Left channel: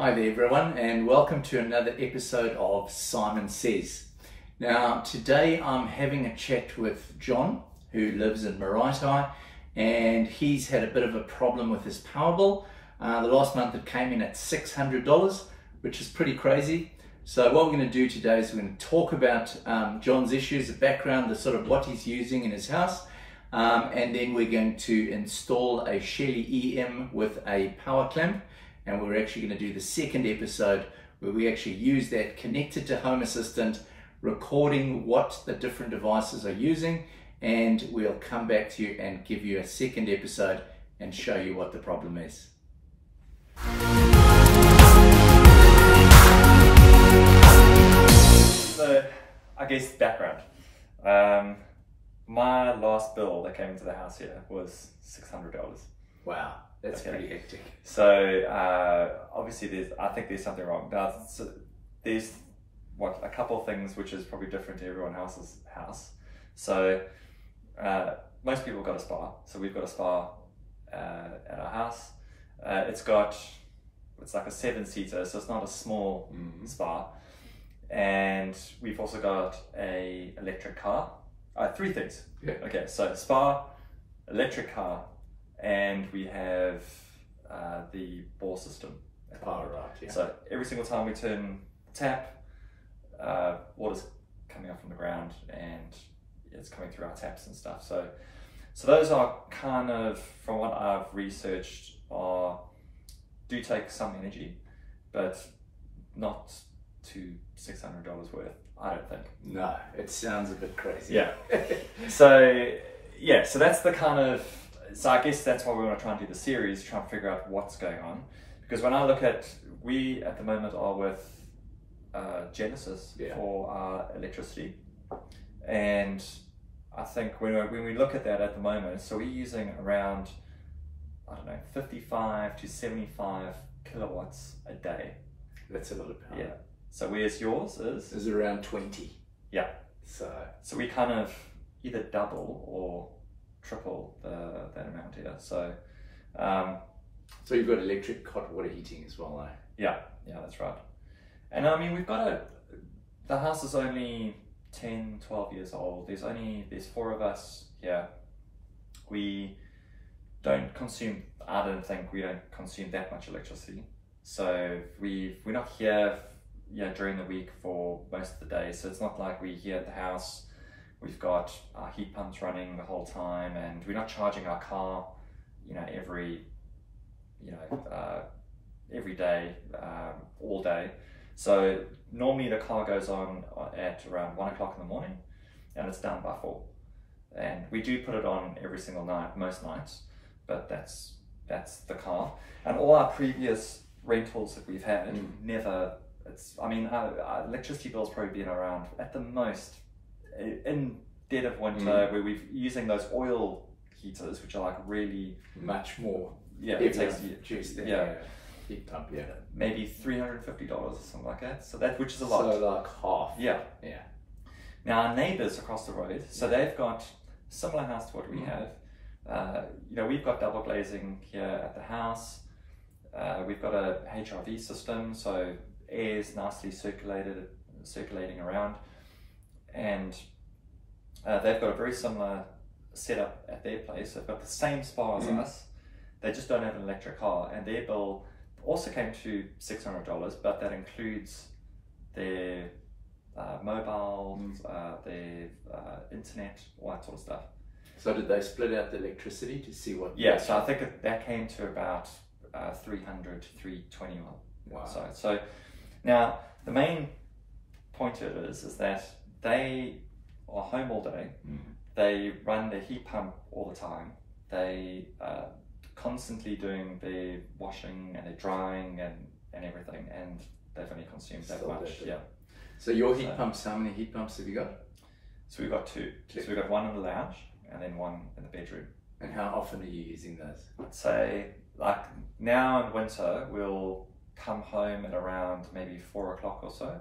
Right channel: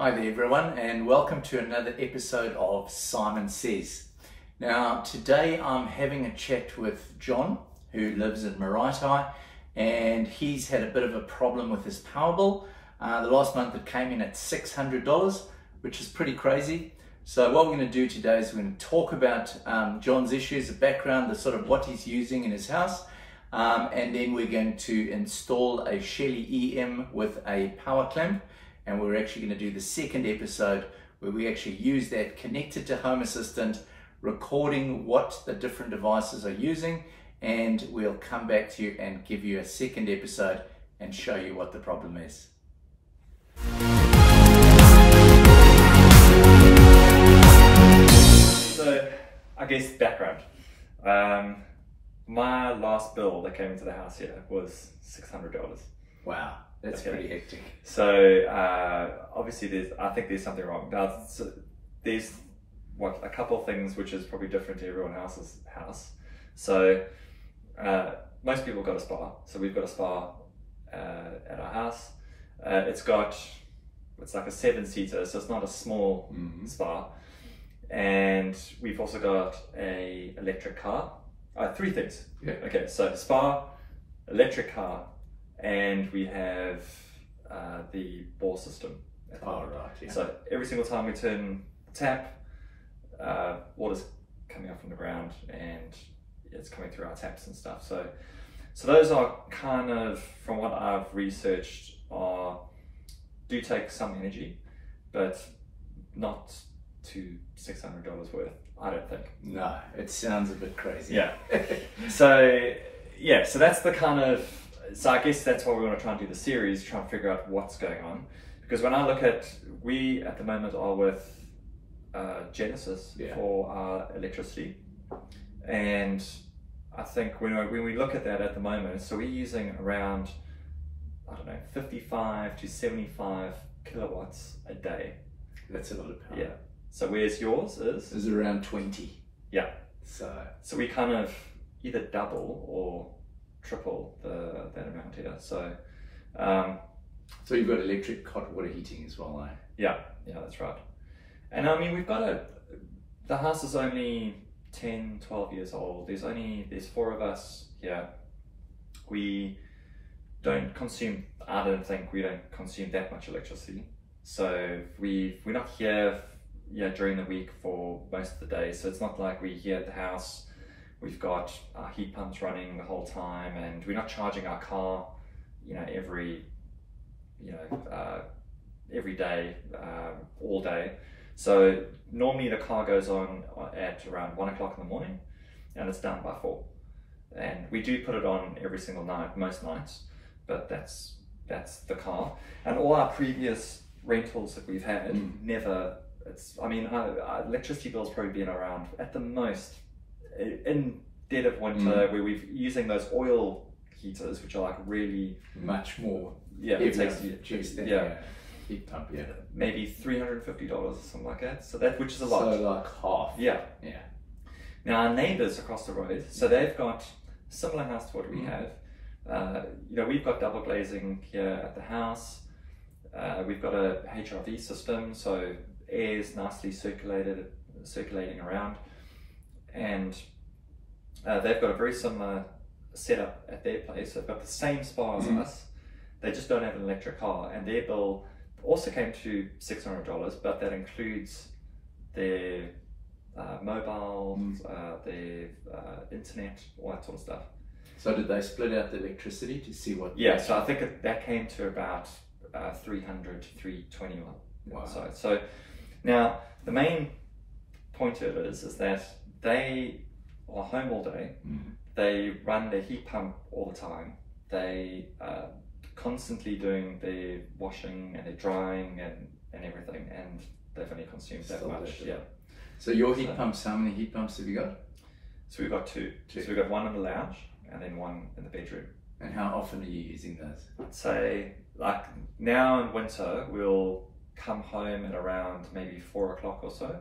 Hi there everyone, and welcome to another episode of Simon Says. Now today I'm having a chat with John, who lives in Maraetai, and he's had a bit of a problem with his power bill. The last month it came in at $600, which is pretty crazy. So what we're going to do today is we're going to talk about John's issues, the background, the sort of what he's using in his house, and then we're going to install a Shelly EM with a power clamp. And we're actually going to do the second episode where we actually use that connected to Home Assistant, recording what the different devices are using, and we'll come back to you and give you a second episode and show you what the problem is. So, I guess background. My last bill that came into the house here was $600. Wow. That's pretty hectic. So obviously I think there's something wrong. Now there's a couple of things which is probably different to everyone else's house. So most people got a spa. So we've got a spa at our house. It's like a 7-seater, so it's not a small spa. And we've also got a electric car. Three things. Yeah. Okay, so spa, electric car, and we have the bore system. Oh, right, yeah. So every single time we turn the tap, water's coming up from the ground and it's coming through our taps and stuff. So those are kind of, from what I've researched, do take some energy, but not to $600 worth, I don't think. No, it sounds a bit crazy. Yeah. So that's the kind of, so I guess that's why we want to try and do the series, try and figure out what's going on. Because when I look at, we at the moment are with Genesis for our electricity. And I think when we look at that at the moment, so we're using around, I don't know, 55 to 75 kilowatts a day. That's a lot of power. Yeah. So where's yours is? Is around 20. Yeah. So we kind of either double or triple that amount here. So you've got electric hot water heating as well, eh? Yeah, that's right. And I mean, we've got the house is only 10, 12 years old. There's 4 of us here. We don't consume that much electricity. So we're not here during the week for most of the day. So it's not like we're here at the house. We've got our heat pumps running the whole time, and we're not charging our car, every day, all day. So normally the car goes on at around 1 o'clock in the morning, and it's done by 4. And we do put it on every single night, most nights, but that's the car. And all our previous rentals that we've had, our electricity bill's probably been around, at the most, in dead of winter, where we're using those oil heaters, which are like really much more. Yeah, it takes juice than heat pump. Yeah, maybe $350 or something like that. So which is a lot. So like half. Yeah. Now our neighbours across the road, so they've got a similar house to what we have. We've got double glazing here at the house. We've got a HRV system, so air's nicely circulating around. And they've got a very similar setup at their place. They've got the same spa as us. They just don't have an electric car, and their bill also came to $600, but that includes their mobile, their internet, all that sort of stuff. So did they split out the electricity to see what? Yeah, so I think that came to about $300 to $320. Wow. So now the main point of it is that they are home all day. They run their heat pump all the time. They constantly doing their washing and their drying and everything, and they've only consumed that much. So your heat pumps, how many heat pumps have you got? So we've got two. So we've got one in the lounge and then one in the bedroom. And how often are you using those? I'd say, like now in winter, we'll come home at around maybe 4 o'clock or so,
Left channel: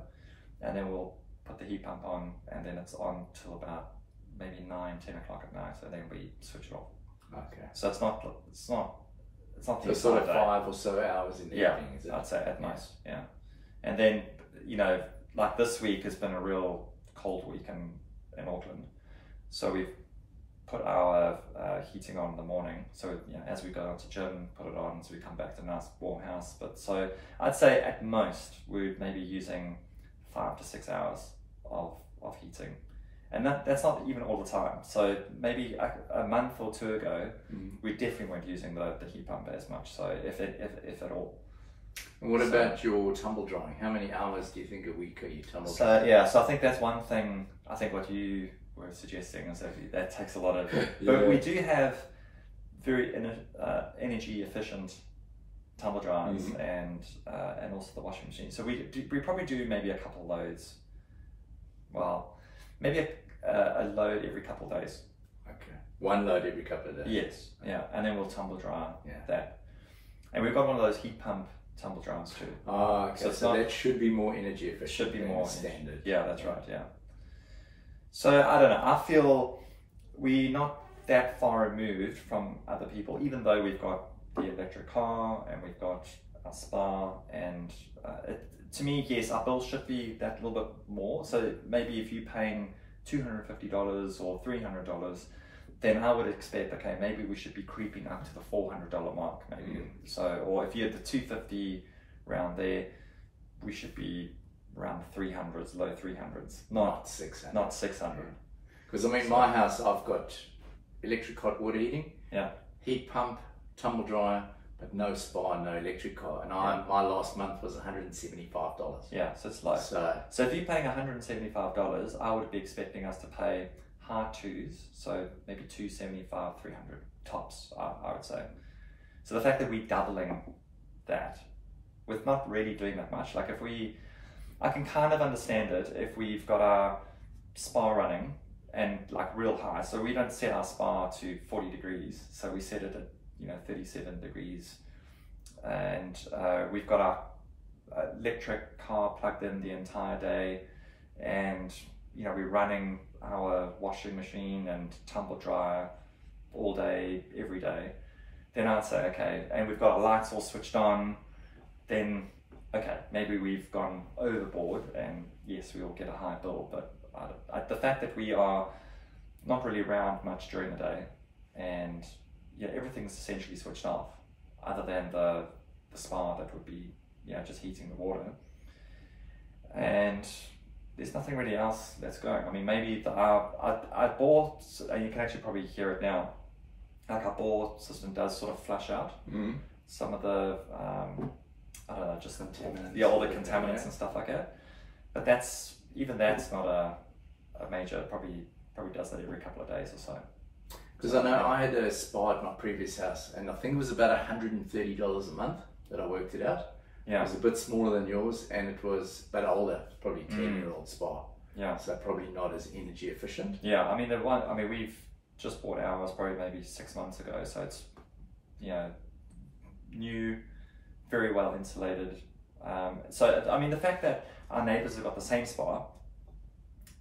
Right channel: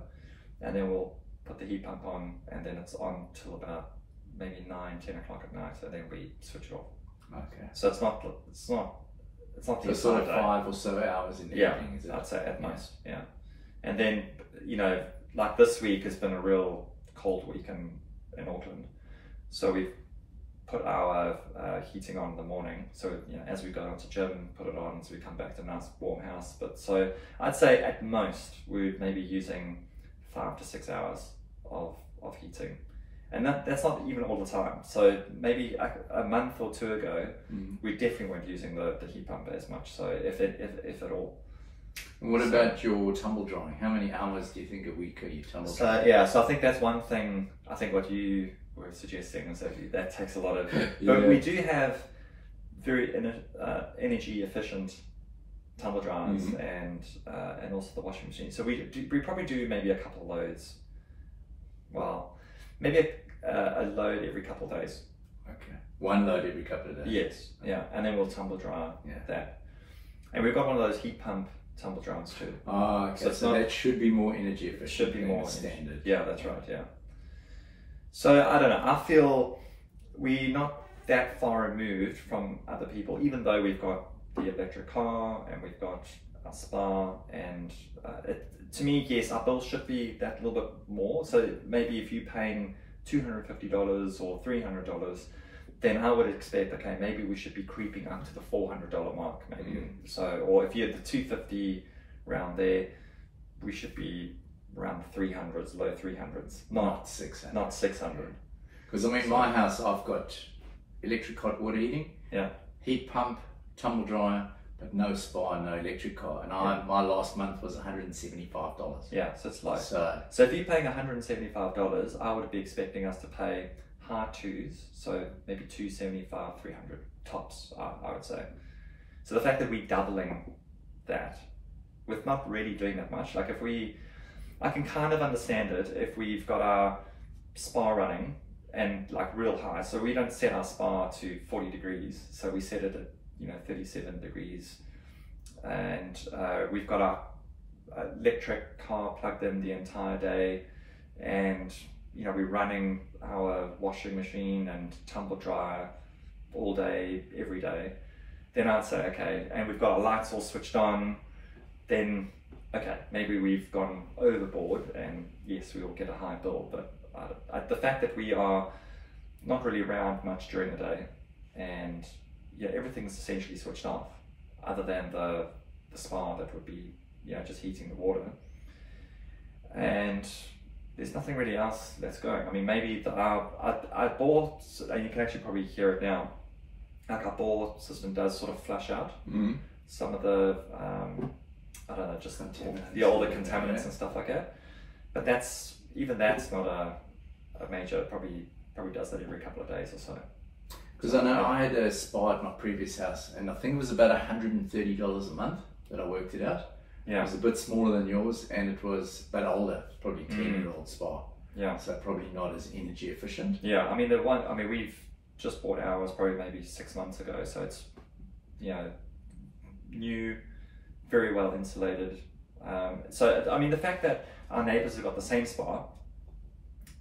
and then we'll put the heat pump on, and then it's on till about maybe 9, 10 o'clock at night, and then we switch it off. Okay. So it's not it's not So the sort of entire day. 5 or so hours in the evening, is it? I'd say at most, yeah. And then, like this week has been a real cold week in Auckland. So we've put our heating on in the morning. So, as we go out to gym, put it on, so we come back to a nice warm house. But so I'd say at most, we're maybe using 5 to 6 hours of heating. And that's not even all the time. So maybe a month or two ago, we definitely weren't using the heat pump as much. So if at all. And what about your tumble drying? How many hours do you think a week are you tumble drying? So I think that's one thing. I think what you were suggesting is that takes a lot of. But we do have very energy efficient tumble dryers and also the washing machine. So we probably do maybe a couple of loads. Well, maybe a load every couple of days. Okay. One load every couple of days. Yes. Yeah, and then we'll tumble dry that. And we've got one of those heat pump tumble dryers too. Oh, okay. So that should be more energy efficient. Should be more standard. Yeah, that's right. Yeah. So I don't know. I feel we're not that far removed from other people, even though we've got the electric car and we've got a spa. And to me, yes, our bills should be that little bit more. So maybe if you're paying $250 or $300, then I would expect, okay, maybe we should be creeping up to the $400 mark, maybe. So, or if you're at the $250 around there, we should be around the 300s, low 300s, not 600. Not 600. Because I mean, my house, I've got electric hot water heating, heat pump, tumble dryer, but no spa, no electric car. And my last month was $175. Yeah, so it's low. So if you're paying $175, I would be expecting us to pay high twos, so maybe $275, $300 tops, I would say. So the fact that we're doubling that with not really doing that much, like I can kind of understand it if we've got our spa running and like real high. So we don't set our spa to 40 degrees. So we set it at 37 degrees. And we've got our electric car plugged in the entire day. And we're running our washing machine and tumble dryer all day, every day. Then I'd say, okay, and we've got our lights all switched on, then okay, maybe we've gone overboard and yes, we will get a high bill. But the fact that we are not really around much during the day and everything's essentially switched off other than the spa that would be just heating the water, and there's nothing really else that's going. I mean, maybe I bought, and you can actually probably hear it now, like our bore system does sort of flush out some of the I don't know, just all the contaminants and stuff like that. But that's not a major, probably does that every couple of days or so. Because I know I had a spa at my previous house, and I think it was about $130 a month that I worked it out. Yeah. It was a bit smaller than yours, and it was a bit older, probably 10-year-old spa. Yeah. So probably not as energy efficient. Yeah, I mean we've just bought ours probably maybe 6 months ago, so it's new, very well insulated. So I mean the fact that our neighbours have got the same spa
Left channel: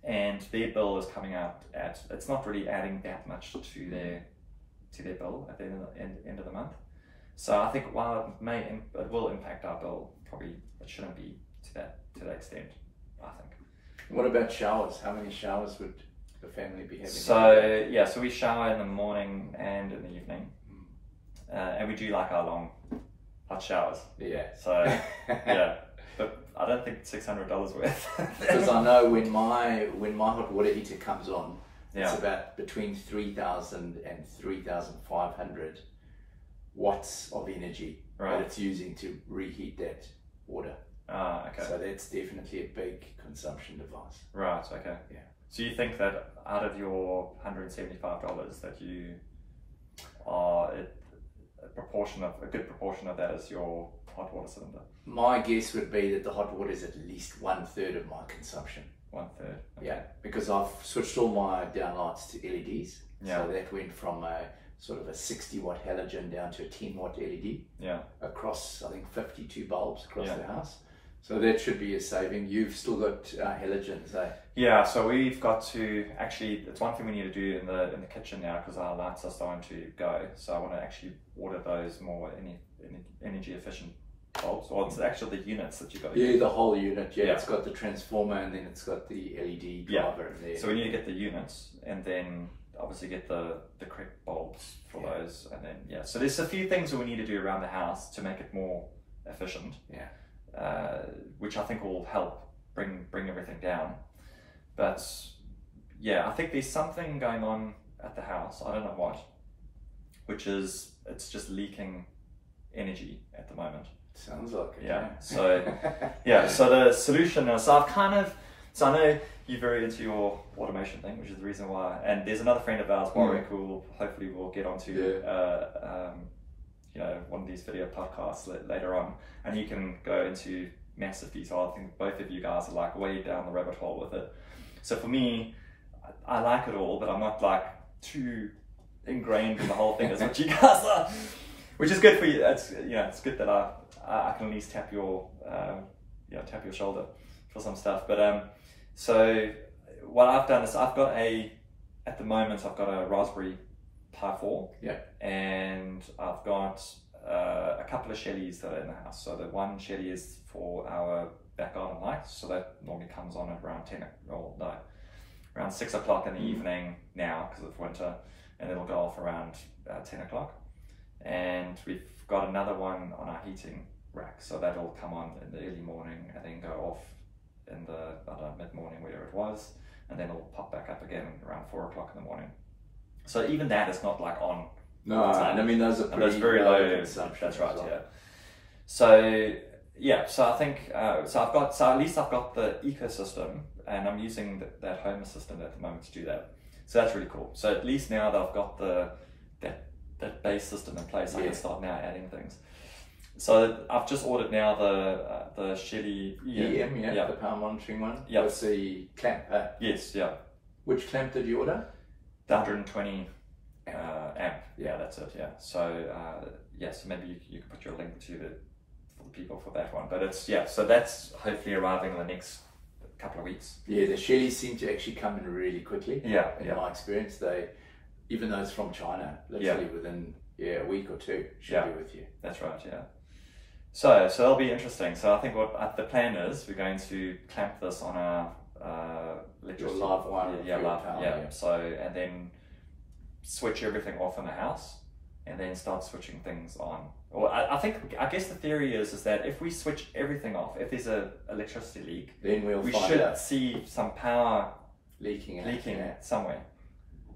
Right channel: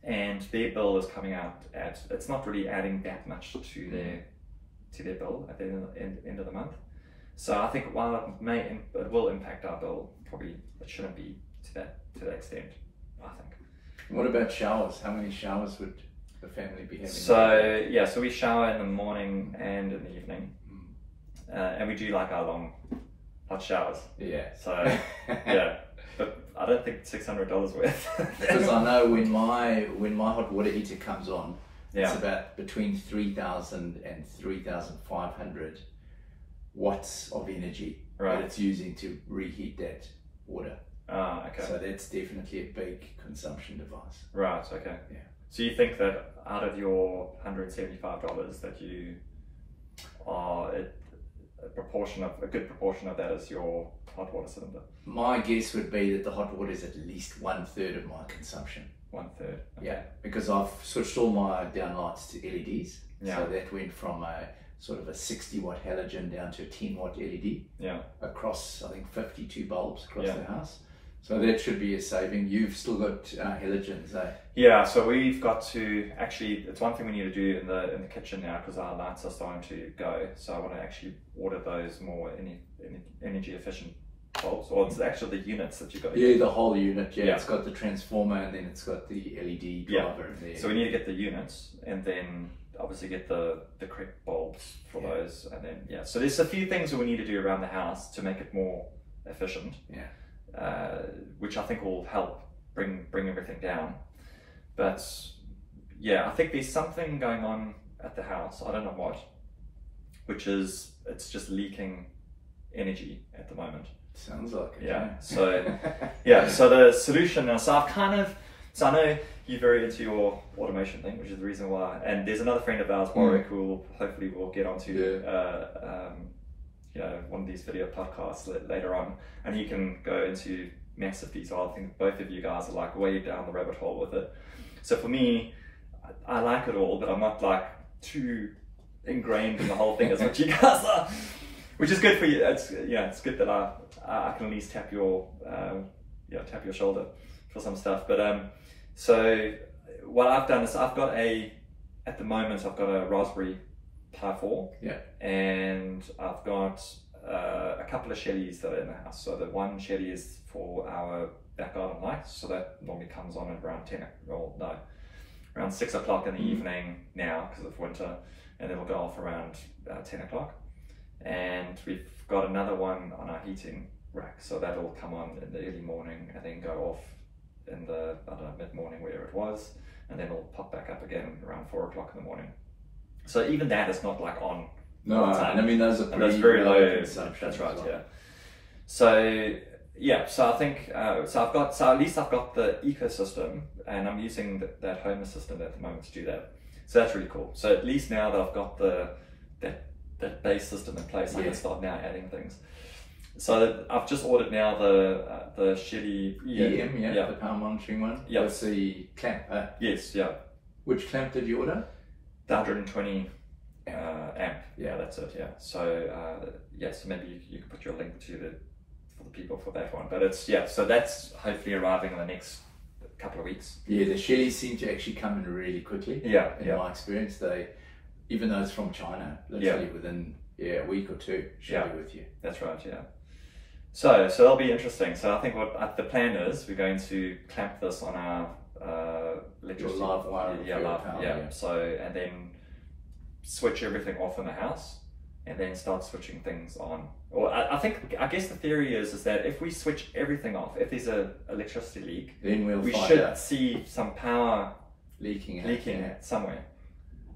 and their bill is coming out at, it's not really adding that much to their bill at the end of the month. So I think while it will impact our bill, probably it shouldn't be to that extent, I think. What about showers? How many showers would the family be having? So we shower in the morning and in the evening, and we do like our long hot showers. Yeah. So yeah, but I don't think $600 worth. Because I know when my hot water heater comes on, it's about between 3,000 and 3,500 watts of energy that it's using to reheat that water. Okay. So that's definitely a big consumption device. Right, okay. Yeah. So you think that out of your $175 that you are, a good proportion of that is your hot water cylinder? My guess would be that the hot water is at least 1/3 of my consumption. 1/3? Okay. Yeah, because I've switched all my downlights to LEDs. Yeah. So that went from a sort of a 60 watt halogen down to a 10 watt LED. Yeah. Across, I think, 52 bulbs across the house. So that should be a saving. You've still got halogens, eh? Yeah, so we've got to actually, it's one thing we need to do in the kitchen now because our lights are starting to go. So I want to actually order those more energy efficient bulbs, or it's actually the units that you got. Yeah, the whole unit. Yeah, it's got the transformer and then it's got the LED driver in there. So we need to get the units and then obviously get the correct bulbs for those, and then so there's a few things that we need to do around the house to make it more efficient. Which I think will help bring everything down. But I think there's something going on at the house, I don't know what, which is it's just leaking energy at the moment. Sounds like it. So so the solution now, so I know you're very into your automation thing, which is the reason why, and there's another friend of ours, Warwick, who hopefully we'll get onto one of these video podcasts later on, and you can go into massive detail. I think both of you guys are like way down the rabbit hole with it. So for me, I like it all, but I'm not like too ingrained in the whole thing as what you guys are, which is good for you. It's good that I can at least tap your shoulder for some stuff. But so what I've done is at the moment I've got a Raspberry Pi 4, and I've got a couple of Shellys that are in the house. So the one Shelly is for our back garden lights, so that normally comes on at around around 6 o'clock in the evening now because of winter, and it'll go off around 10 o'clock. And we've got another one on our heating rack, so that'll come on in the early morning and then go off in the mid-morning, wherever it was, and then it'll pop back up again around 4 o'clock in the morning. So even that is not like on. No, I mean those are pretty very low consumption. That's right. Well. So I think so at least I've got the ecosystem, and I'm using that home assistant at the moment to do that. So that's really cool. So at least now that I've got that base system in place, I can start now adding things. So I've just ordered now the Shelly EM, the power monitoring one. Yeah, that's the clamp. Yes, yeah. Which clamp did you order? The 120 amp. Yeah, that's it. Yeah. So so maybe you can put your link to for the people for that one. But it's so that's hopefully arriving in the next couple of weeks. Yeah, the Shellys seem to actually come in really quickly. In my experience, they, even though it's from China, literally within a week or two should be with you. That's right. Yeah. So that'll be interesting. So I think what the plan is, we're going to clamp this on our electricity. Your live wire. Live power. So and then switch everything off in the house, and then start switching things on. Or I guess the theory is that if we switch everything off, if there's a electricity leak, then we should see some power leaking somewhere.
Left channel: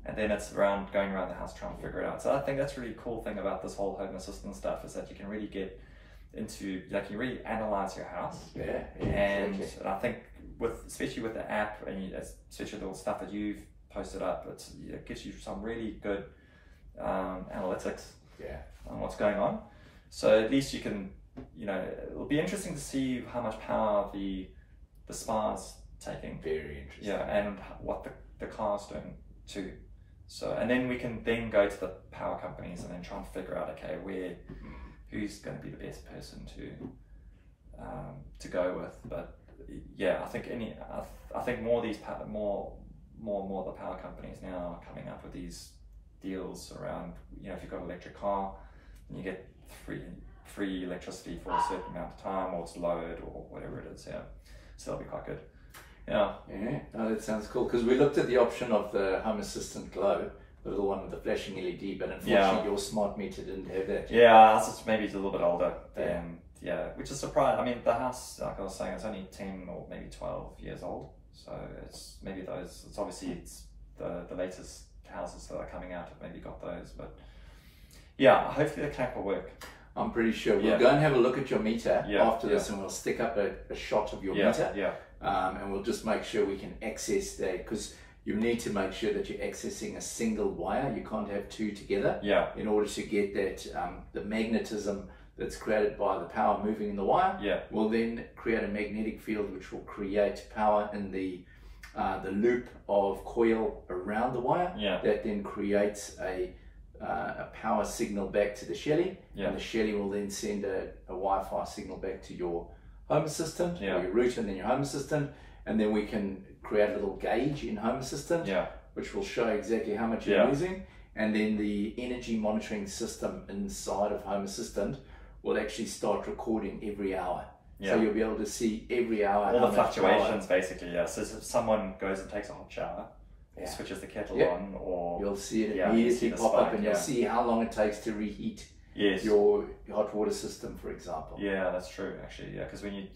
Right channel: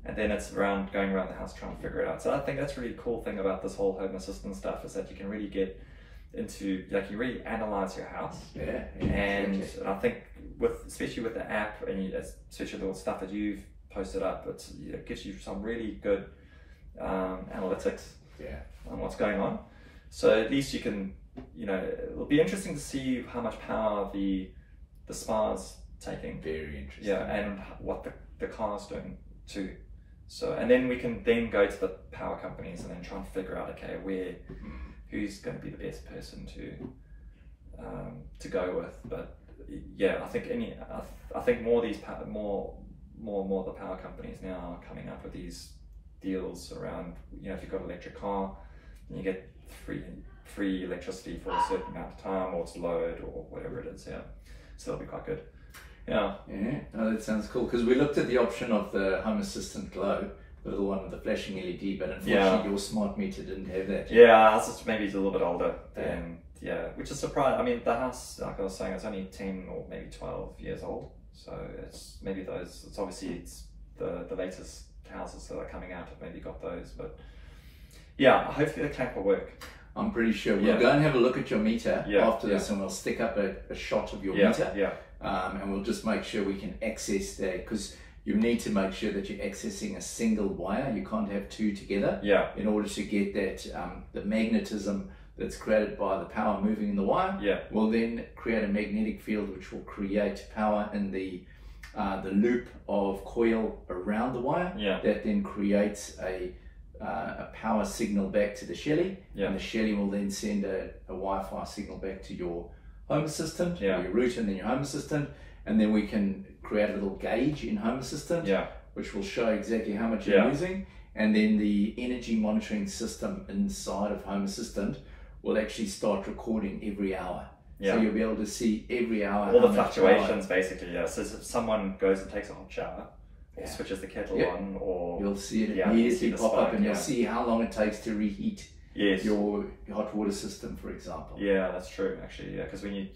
And then it's going around the house trying to figure it out. So I think that's a really cool thing about this whole home assistant stuff, is that you can really get into, you really analyze your house. And I think especially with the app, and especially the stuff that you've posted up, it gives you some really good analytics on what's going on. So at least you can, it'll be interesting to see how much power the spa's taking. Very interesting. And what the car's doing too. So, and then we can go to the power companies and then try and figure out, who's going to be the best person to go with. But I think more the power companies now are coming up with these deals around, if you've got an electric car, and you get free electricity for a certain amount of time, or it's load, or whatever it is. So that'll be quite good. No, that sounds cool, because we looked at the option of the Home Assistant Glow, the little one with the flashing LED, but unfortunately your smart meter didn't have that. Maybe it's a little bit older. Which is surprising. I mean, the house, like I was saying, it's only 10 or maybe 12 years old, so it's maybe those. It's obviously the latest houses that are coming out have maybe got those, but hopefully the clamp will work. I'm pretty sure. We'll go and have a look at your meter after this, and we'll stick up a shot of your meter. And we'll just make sure we can access that, because you need to make sure that you're accessing a single wire. You can't have two together in order to get that the magnetism that's created by the power moving in the wire will then create a magnetic field, which will create power in the loop of coil around the wire that then creates a power signal back to the Shelly, and the Shelly will then send a Wi-Fi signal back to your Home Assistant, Yeah. or your router and then your Home Assistant, and then we can create a little gauge in Home Assistant, Yeah. which will show exactly how much you're Yeah. using, and then the energy monitoring system inside of Home Assistant will actually start recording every hour. Yeah. So you'll be able to see every hour all how the much fluctuations, basically. Yeah. So if someone goes and takes a hot shower, or Yeah. switches the kettle Yep. on, or you'll see it Yeah, immediately you see the pop up, spike, and you'll yeah. see how long it takes to reheat yes, your hot water system, for example. yeah, that's true. Actually, yeah, because when you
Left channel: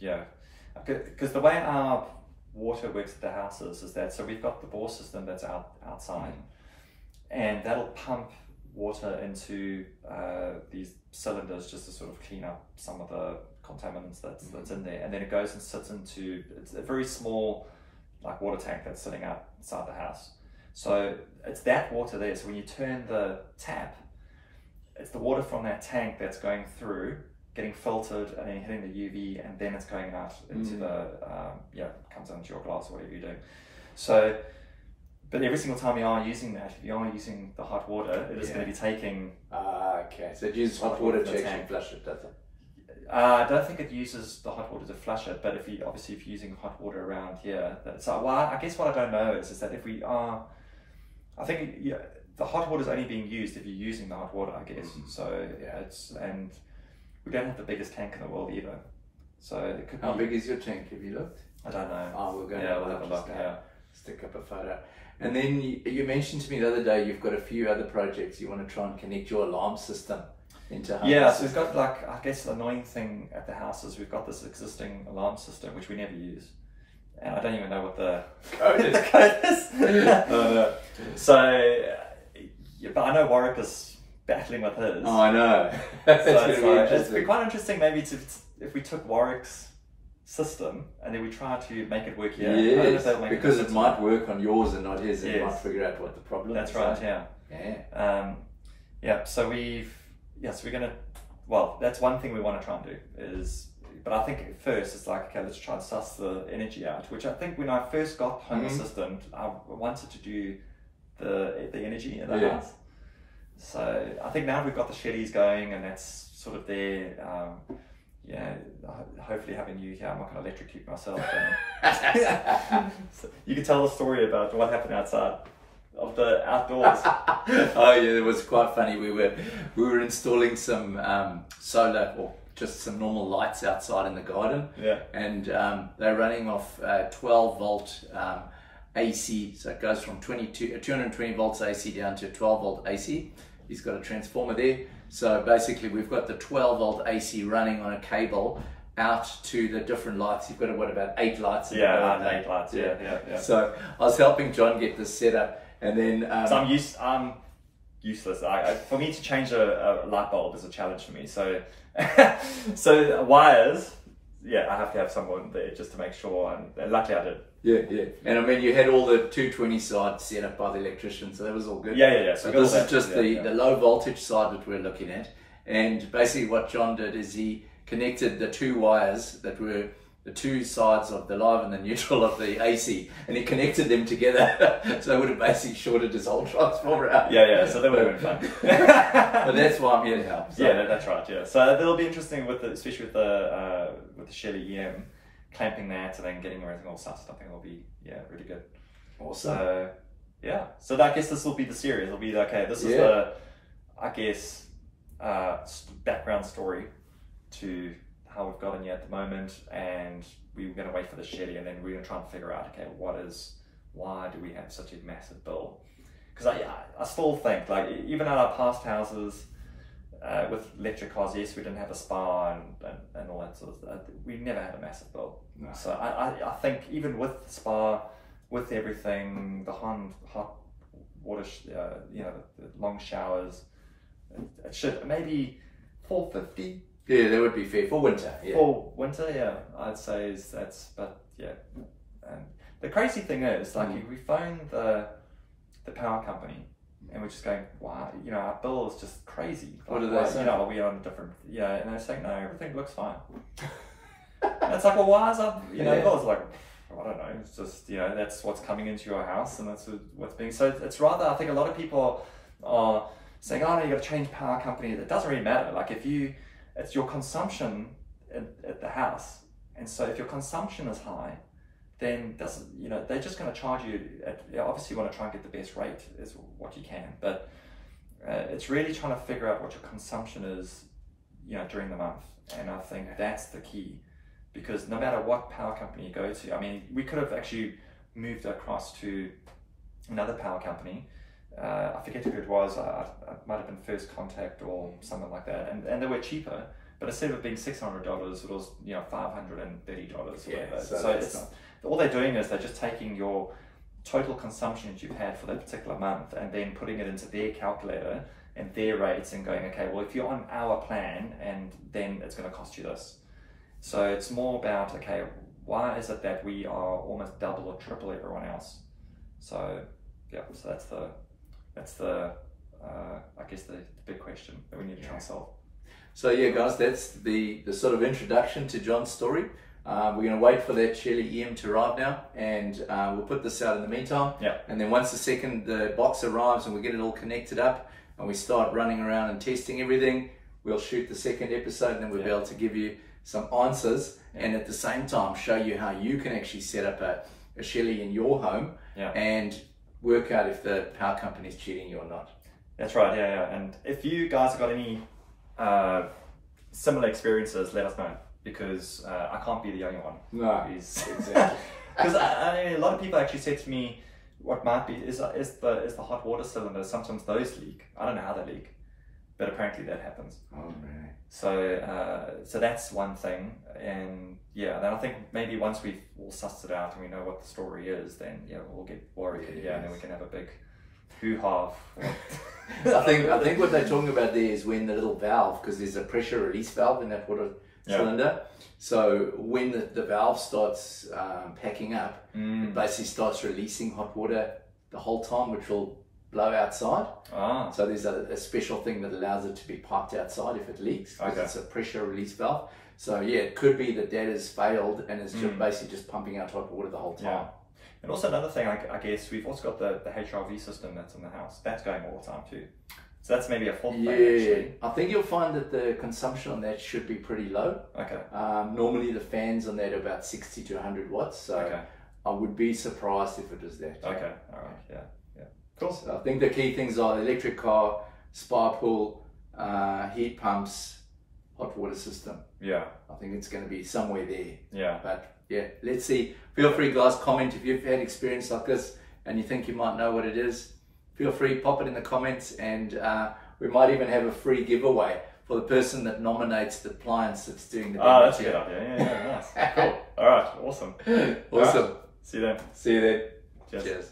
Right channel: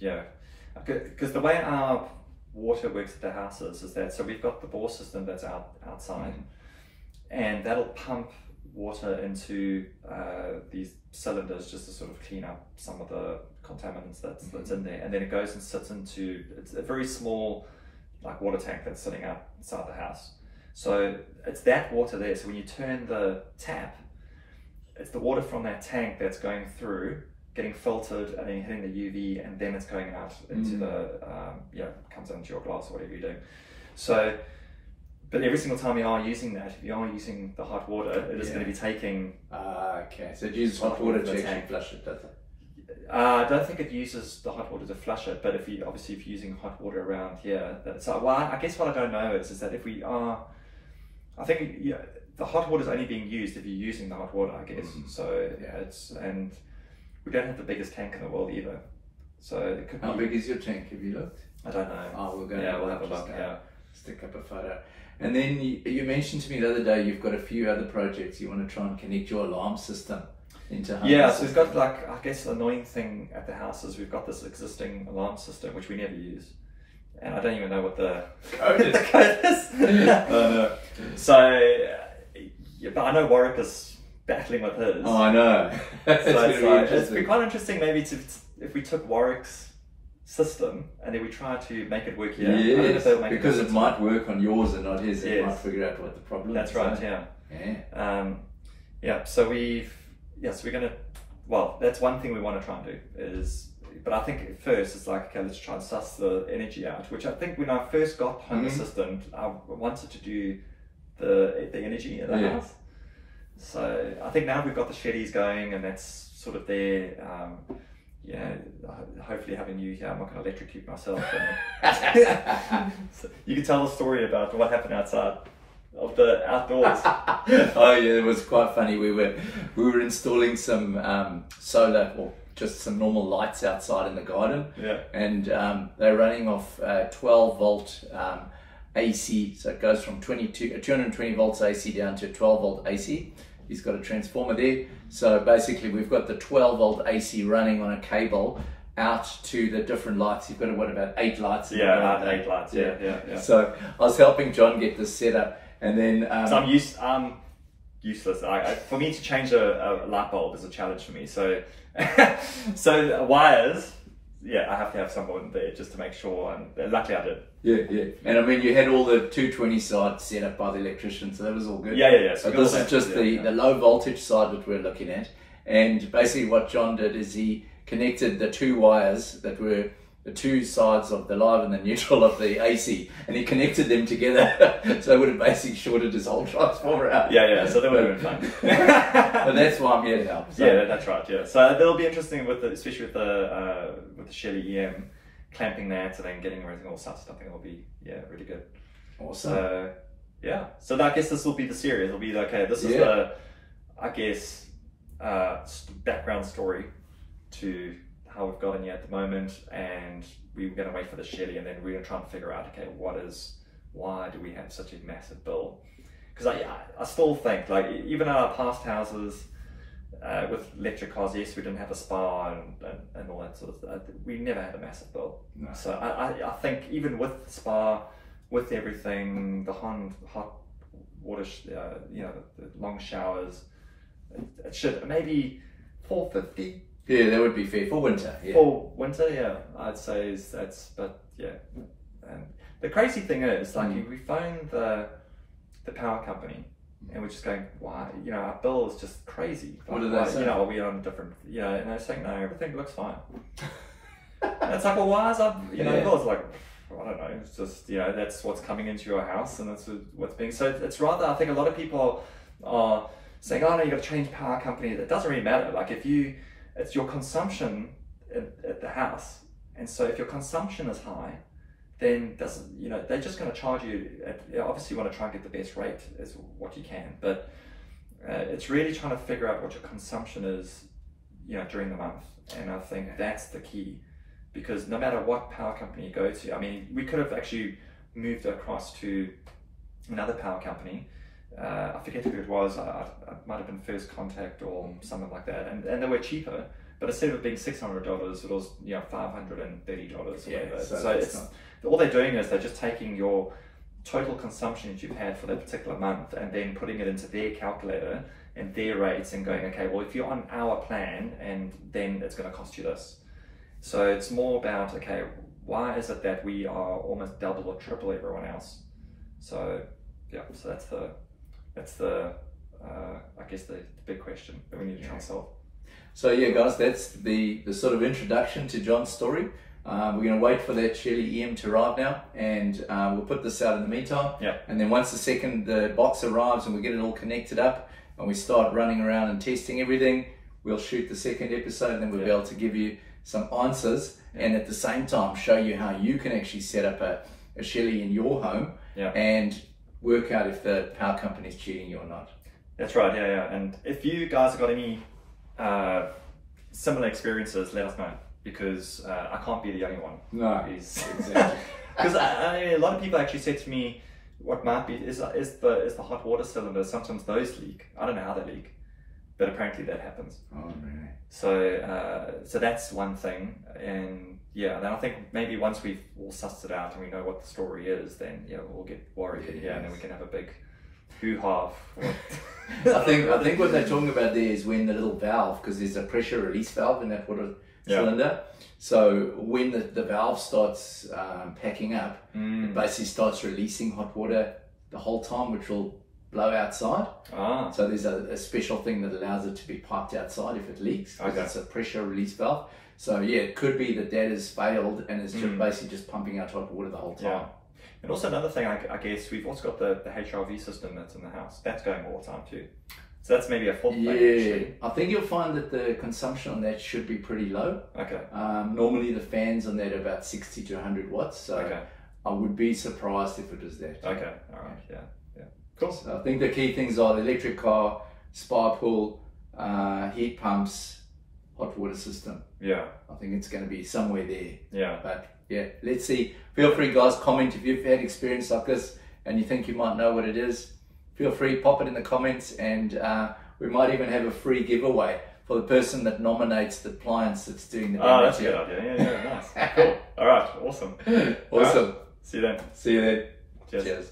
because the way our water works at the houses is that we've got the bore system that's outside, and that'll pump water into these cylinders just to sort of clean up some of the contaminants that's in there, and then it goes and sits into, it's a very small like water tank that's sitting outside the house. So it's that water there. So when you turn the tap, it's the water from that tank that's going through, getting filtered, and then hitting the UV, and then it's going out into the comes into your glass or whatever you're doing. So, but every single time you are using that, if you are using the hot water, it is going to be taking. Okay, so it uses hot water to actually flush it, does it? I don't think it uses the hot water to flush it, but if you're using hot water around here, I guess what I don't know is that if we are, I think the hot water is only being used if you're using the hot water, I guess. So and we don't have the biggest tank in the world either. So it could How big is your tank? Have you looked? I don't know. Oh, we're going we'll to have a look. Yeah. stick up a photo. And then you mentioned to me the other day you've got a few other projects you want to try and connect your alarm system into Home Yeah, Assistant. so we've got, like, I guess the annoying thing at the house is we've got this existing alarm system which we never use, and I don't even know what the code is. the code is. Oh no. So, but I know Warwick is battling with his. Oh, I know. That's So going to be it's interesting. be quite interesting maybe if we took Warwick's system and then we try to make it work here. I don't know if Yes, they'll make because it difference. might work on yours and not his. It Yes. might figure out what the problem That's is. right. Yeah. Yeah. So we're gonna. Well, that's one thing we want to try and do is. But I think at first it's like, okay, let's try and suss the energy out. Which I think when I first got Home Assistant, I wanted to do the energy in the house. So I think now we've got the Shellys going, and that's sort of there. Hopefully having you here, I'm not going to electrocute myself. So you can tell the story about what happened outside of the outdoors. Oh yeah, it was quite funny. We were installing some solar, or just some normal lights outside in the garden. Yeah. And they're running off 12 volt AC, so it goes from 220 volts AC down to 12 volt AC. He's got a transformer there. So basically we've got the 12 volt AC running on a cable out to the different lights. You've got about 8 lights in the garden. 8 lights. Yeah. So I was helping John get this set up, and then So I'm useless. For me to change a light bulb is a challenge for me. So so wires, I have to have someone there just to make sure, and luckily I did. Yeah. And I mean, you had all the 220 side set up by the electrician, so that was all good. Yeah. So this is just the low voltage side that we're looking at. And basically what John did is he connected the 2 wires that were the 2 sides of the live and the neutral of the AC, and he connected them together. So it would have basically shorted his whole transformer out. Yeah. So that would have been fun. But that's why I'm here to help. So. Yeah, that's right. Yeah. So that'll be interesting especially with the Shelly EM, clamping that and then getting everything all sussed. I think it'll be really good. Awesome. So so I guess this will be the series. It'll be okay. This is the, I guess, background story to how we've gotten here at the moment, and we're going to wait for the Shelly, and then we're going to try and figure out, okay, why do we have such a massive bill? Because I still think, like, even in our past houses with electric cars, yes, we didn't have a spa and all that sort of stuff. We never had a massive bill. No. So I think even with the spa, with everything, the hot water, the long showers, it should maybe $450. Yeah, that would be fair for winter. Yeah. For winter, I'd say and the crazy thing is, like, we phoned the power company, and we're just going, why? Our bill is just crazy. What do they say? Are we on different? And they're saying, no, everything looks fine. And it's like, well, why is that? Bill is like, I don't know. It's just that's what's coming into your house, and that's what's being. So it's rather, I think a lot of people are saying, oh no, you got to change power company. It doesn't really matter. Like it's your consumption at the house And so if your consumption is high, then they're just going to charge you. Obviously, you want to try and get the best rate is what you can, but it's really trying to figure out what your consumption is, during the month. And I think that's the key, because no matter what power company you go to, I mean, we could have actually moved across to another power company. I forget who it was. It might have been First Contact or something like that, and they were cheaper. But instead of it being $600, it was $530. Yeah, so it's all they're doing is they're just taking your total consumption that you've had for that particular month and then putting it into their calculator and their rates and going, okay, well, if you're on our plan, and then it's going to cost you this. So it's more about, okay, why is it that we are almost double or triple everyone else? So yeah, so that's the I guess the big question that we need to try and solve. So yeah, guys, that's the sort of introduction to John's story. We're going to wait for that Shelly EM to arrive now, and we'll put this out in the meantime. Yeah. And then once the box arrives and we get it all connected up and we start running around and testing everything, we'll shoot the second episode, and then we'll be able to give you some answers and at the same time show you how you can actually set up a Shelly in your home and work out if the power company is cheating you or not. That's right, yeah. And if you guys have got any similar experiences, let us know, because I can't be the only one. No, exactly. Because a lot of people actually said to me, what might be is the hot water cylinder. Sometimes those leak. I don't know how they leak, but apparently that happens. Oh, really? So that's one thing, and then I think maybe once we've all sussed it out and we know what the story is, then we'll get worried, and then we can have a big hoo-ha. I think what they're talking about there is when the little valve, because there's a pressure release valve in that water cylinder. So when the valve starts packing up, it basically starts releasing hot water the whole time, which will blow outside. So there's a special thing that allows it to be piped outside if it leaks, because it's a pressure release valve. So yeah, it could be that has failed and it's just basically just pumping out hot water the whole time. Yeah. And also another thing, I guess, we've also got the HRV system that's in the house. That's going all the time too. So that's maybe a fourth thing, actually. I think you'll find that the consumption on that should be pretty low. Okay. Normally the fans on that are about 60 to 100 watts. So I would be surprised if it was that. Okay, all right, yeah. Cool. So I think the key things are the electric car, spa pool, heat pumps, hot water system. Yeah. I think it's going to be somewhere there. Yeah. But yeah, let's see. Feel free, guys, comment if you've had experience like this and you think you might know what it is. Feel free, pop it in the comments, and we might even have a free giveaway for the person that nominates the appliance that's doing the damage. Oh, that's a good idea. Yeah, nice. Cool. All right, awesome. Awesome. Right. See you then. See you then. Cheers. Cheers.